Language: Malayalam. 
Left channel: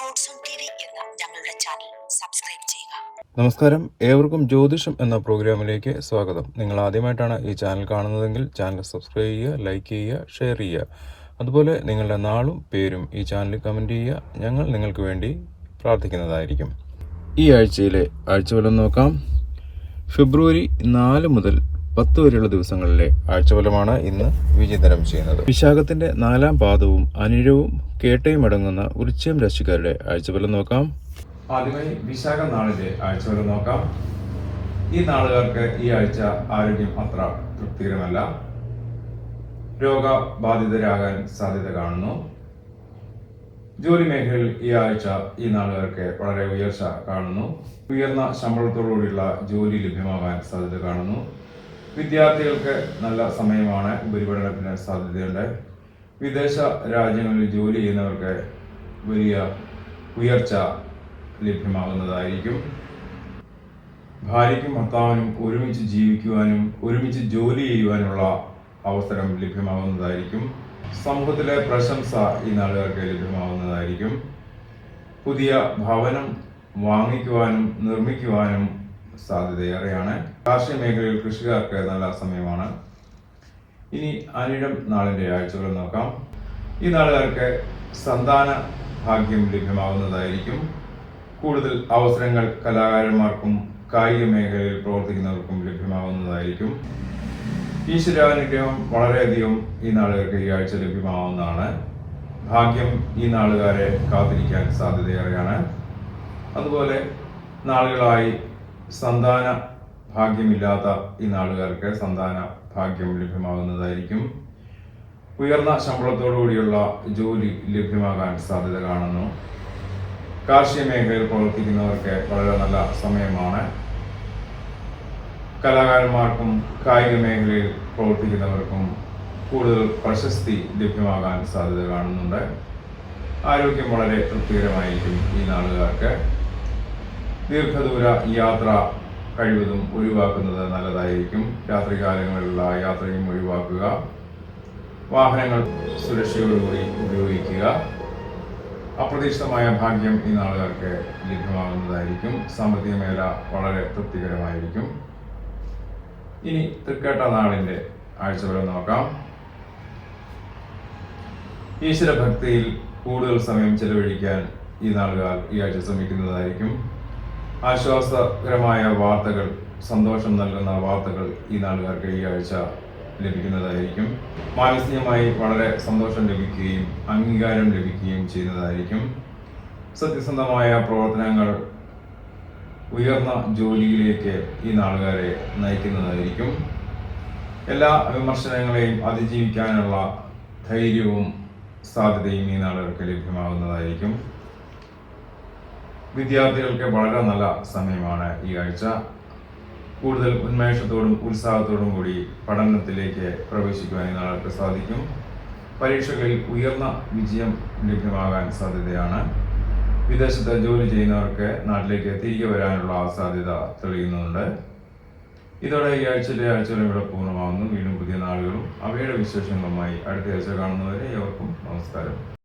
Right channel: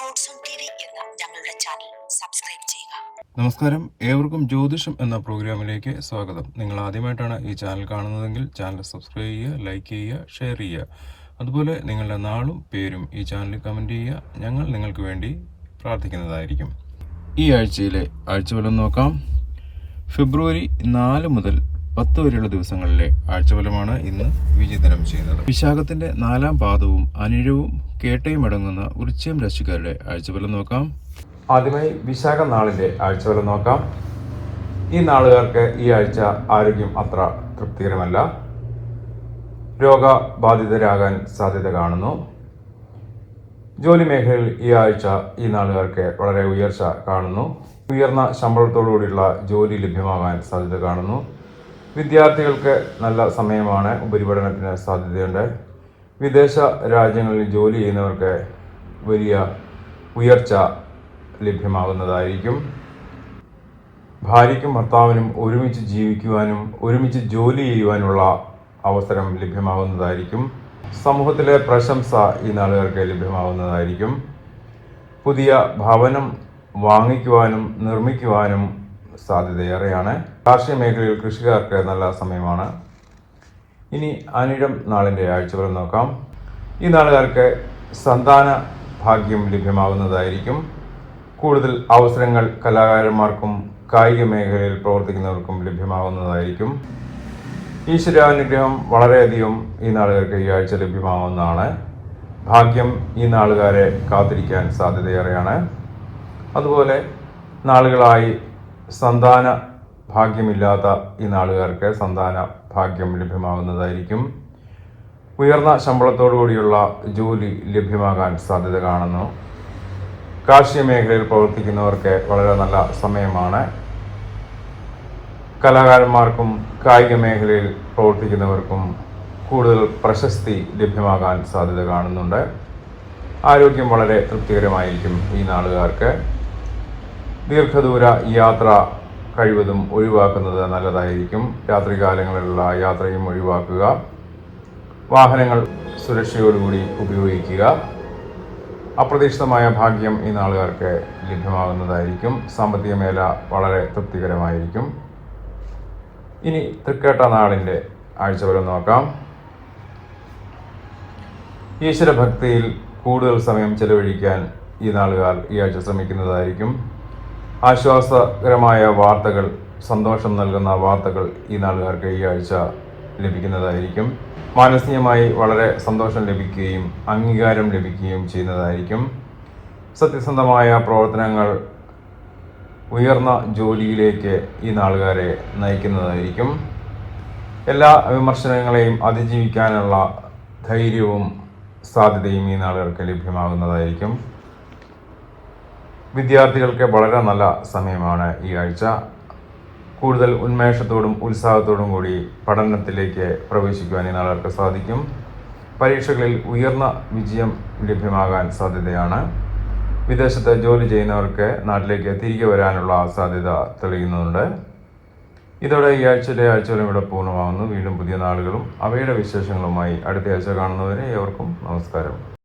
ഞങ്ങളുടെ ചാനൽ സബ്സ്ക്രൈബ് ചെയ്യുക. നമസ്കാരം. ഏവർക്കും ജ്യോതിഷം എന്ന പ്രോഗ്രാമിലേക്ക് സ്വാഗതം. നിങ്ങൾ ആദ്യമായിട്ടാണ് ഈ ചാനൽ കാണുന്നതെങ്കിൽ ചാനൽ സബ്സ്ക്രൈബ് ചെയ്യുക ലൈക്ക് ചെയ്യുക ഷെയർ ചെയ്യുക. അതുപോലെ നിങ്ങളുടെ നാളും പേരും ഈ ചാനലിൽ കമന്റ് ചെയ്യുക. ഞങ്ങൾ നിങ്ങൾക്ക് വേണ്ടി പ്രാർത്ഥിക്കുന്നതായിരിക്കും. ഈ ആഴ്ചയിലെ ആഴ്ചഫലം നോക്കാം. ഫെബ്രുവരി നാല് മുതൽ പത്ത് വരെയുള്ള ദിവസങ്ങളിലെ ആഴ്ചഫലമാണ് ഇന്ന് വിചിന്തനം ചെയ്യുന്നത്. വിശാഖത്തിന്റെ നാലാം പാദവും അനിഴവും കേട്ടയും അടങ്ങുന്ന ഉച്ചയും രാശിക്കാരുടെ ആഴ്ചഫലം നോക്കാം. ആദ്യമായി വിശാഖ നാളിന്റെ ആഴ്ചഫലം നോക്കാം. ഈ നാളുകാർക്ക് ഈ ആഴ്ച ആരോഗ്യം അത്ര തൃപ്തികരമല്ല. രോഗബാധിതരാകാൻ സാധ്യത കാണുന്നു. ജോലി മേഖലയിൽ ഈ ആഴ്ച ഈ നാളുകാർക്ക് വളരെ ഉയർച്ച കാണുന്നു. ഉയർന്ന ശമ്പളത്തോടുകൂടിയുള്ള ജോലി ലഭ്യമാകാൻ സാധ്യത കാണുന്നു. വിദ്യാർത്ഥികൾക്ക് നല്ല സമയമാണ് ഉപരിപഠനത്തിന് സാധ്യതയുണ്ട്. വിദേശ രാജ്യങ്ങളിൽ ജോലി ചെയ്യുന്നവർക്ക് വലിയ ഉയർച്ച ലഭ്യമാകുന്നതായിരിക്കും. ഭാര്യയ്ക്കും ഭർത്താവിനും ഒരുമിച്ച് ജീവിക്കുവാനും ഒരുമിച്ച് ജോലി ചെയ്യുവാനുള്ള അവസരം ലഭ്യമാകുന്നതായിരിക്കും. സമൂഹത്തിലെ പ്രശംസ ഈ നാളുകാർക്ക് ലഭ്യമാകുന്നതായിരിക്കും. പുതിയ ഭവനം വാങ്ങിക്കുവാനും നിർമ്മിക്കുവാനും സാധ്യതയേറെയാണ്. കാർഷിക മേഖലയിൽ കൃഷിക്കാർക്ക് നല്ല സമയമാണ്. ഇനി അനിഴം നാളിന്റെ ആഴ്ചകൾ നോക്കാം. ഈ നാളുകാർക്ക് സന്താന ഭാഗ്യം ലഭ്യമാകുന്നതായിരിക്കും. കൂടുതൽ അവസരങ്ങൾ കലാകാരന്മാർക്കും കായിക മേഖലയിൽ പ്രവർത്തിക്കുന്നവർക്കും ലഭ്യമാകുന്നതായിരിക്കും. ഈശ്വരാനുഗ്രഹം വളരെയധികം ഈ നാളുകാർക്ക് ഈ ആഴ്ച ലഭ്യമാവുന്നതാണ്. ഭാഗ്യം ഈ നാളുകാരെ കാത്തിരിക്കാൻ സാധ്യതയേറെയാണ്. അതുപോലെ നാളുകളായി സന്താന ഭാഗ്യമില്ലാത്ത ഈ നാളുകാർക്ക് സന്താന ഭാഗ്യം ലഭ്യമാകുന്നതായിരിക്കും. ഉയർന്ന ശമ്പളത്തോടു കൂടിയുള്ള ജോലി ലഭ്യമാകാൻ സാധ്യത കാണുന്നു. കാർഷിക മേഖലയിൽ പ്രവർത്തിക്കുന്നവർക്ക് വളരെ നല്ല സമയമാണ്. കലാകാരന്മാർക്കും കായിക മേഖലയിൽ പ്രവർത്തിക്കുന്നവർക്കും കൂടുതൽ പ്രശസ്തി ലഭ്യമാകാൻ സാധ്യത കാണുന്നുണ്ട്. ആരോഗ്യം വളരെ തൃപ്തികരമായിരിക്കും ഈ നാളുകാർക്ക്. ദീർഘദൂര യാത്ര കഴിവതും ഒഴിവാക്കുന്നത് നല്ലതായിരിക്കും. രാത്രികാലങ്ങളിലുള്ള യാത്രയും ഒഴിവാക്കുക. വാഹനങ്ങൾ സുരക്ഷയോടുകൂടി ഉപയോഗിക്കുക. അപ്രതീക്ഷിതമായ ഭാഗ്യം ഈ നാളുകാർക്ക് ലഭ്യമാകുന്നതായിരിക്കും. സാമ്പത്തിക മേല വളരെ തൃപ്തികരമായിരിക്കും. ഇനി തൃക്കേട്ട നാളിന്റെ ആഴ്ചവലം നോക്കാം. ഈശ്വരഭക്തിയിൽ കൂടുതൽ സമയം ചെലവഴിക്കാൻ ഈ നാളുകാർ ഈ ആഴ്ച ശ്രമിക്കുന്നതായിരിക്കും. ആശ്വാസകരമായ വാർത്തകൾ സന്തോഷം നൽകുന്ന വാർത്തകൾ ഈ നാളുകാർക്ക് ഈ ആഴ്ച ലഭിക്കുന്നതായിരിക്കും. മാനസികമായി വളരെ സന്തോഷം ലഭിക്കുകയും അംഗീകാരം ലഭിക്കുകയും ചെയ്യുന്നതായിരിക്കും. സത്യസന്ധമായ പ്രവർത്തനങ്ങൾ ഉയർന്ന ജോലിയിലേക്ക് ഈ നാളുകാരെ നയിക്കുന്നതായിരിക്കും. എല്ലാ വിമർശനങ്ങളെയും അതിജീവിക്കാനുള്ള ധൈര്യവും സാധ്യതയും ഈ നാളുകാർക്ക് ലഭ്യമാകുന്നതായിരിക്കും. വിദ്യാർത്ഥികൾക്ക് വളരെ നല്ല സമയമാണ് ഈ ആഴ്ച. കൂടുതൽ ഉന്മേഷത്തോടും ഉത്സാഹത്തോടും കൂടി പഠനത്തിലേക്ക് പ്രവേശിക്കുവാൻ നാളുകൾക്ക് സാധിക്കും. പരീക്ഷകളിൽ ഉയർന്ന വിജയം ലഭ്യമാകാൻ സാധ്യതയാണ്. വിദേശത്ത് ജോലി ചെയ്യുന്നവർക്ക് നാട്ടിലേക്ക് തിരികെ വരാനുള്ള സാധ്യത തെളിയുന്നുണ്ട്. ഇതോടെ ഈ ആഴ്ചയിലെ ആഴ്ചകളും ഇവിടെ പൂർണമാകുന്നു. വീണ്ടും പുതിയ നാളുകളും അവയുടെ വിശേഷങ്ങളുമായി അടുത്ത ആഴ്ച കാണുന്നവരെ ഏവർക്കും നമസ്കാരം.